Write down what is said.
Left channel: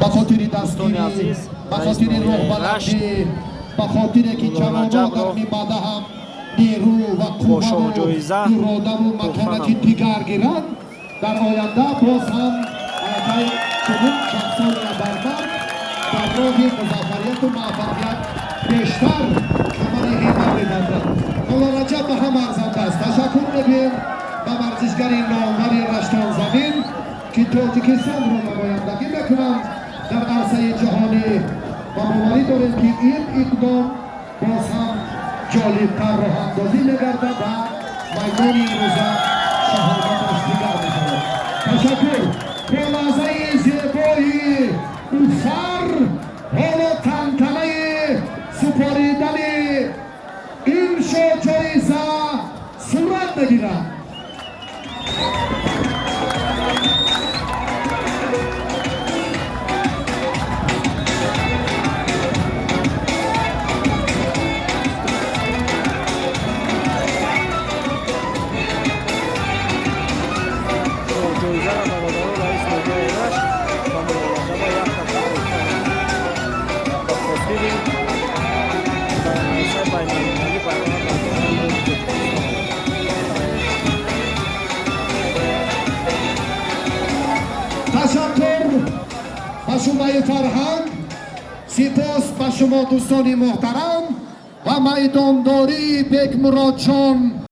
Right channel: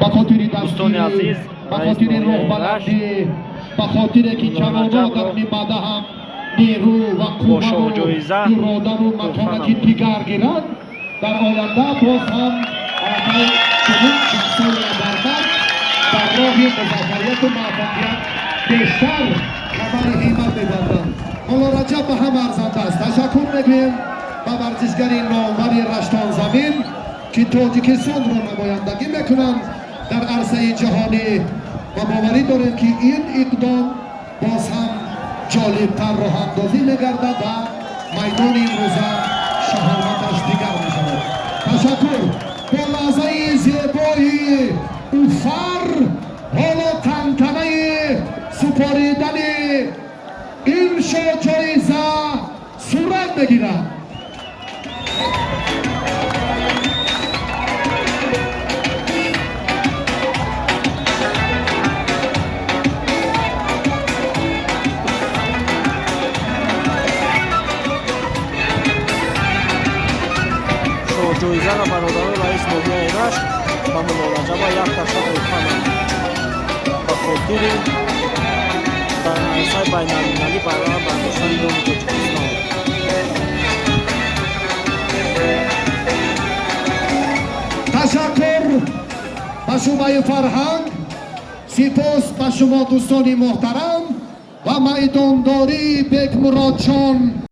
به خاطر دوستان دستی، عزیز، به رئیس خاطر ناحیه روح رشت بلندی، به خاطر که جوانان در میمده هم نیرو و قوت و اراده و متانتی دیگر گیرند، در آینده باز هم علاقه چنین شخصان برتر در راه مظفریت و موفقیت بیشتر کمر همت می‌بندند. حالا رجب به هم ارزنده است. تشکر می‌گویم به ورزشگر نامور رشتان زمین که تاجیکستان را نمایندگی میکنند در عرصه جهانی و باوری داریم که این اقدام باز هم جالبتر راه اندازی میگردد و میدان امروزه شهامتش دیگر میشود. تشکر. با لحظه زیبای اوفر حالا تنتنه سپاریدن این جایزه صورت بگیرد. جایزه را برادران رئیس ناحیه رشت و ملالجبا یک تشکر کنند به خاطر در عرصه بین‌المللی برای برداشتن نام تاجیکستان. تشکر به شما فرهنگ، سپاس به شما دوستان محترم و میدانداری بیگ مراد جان.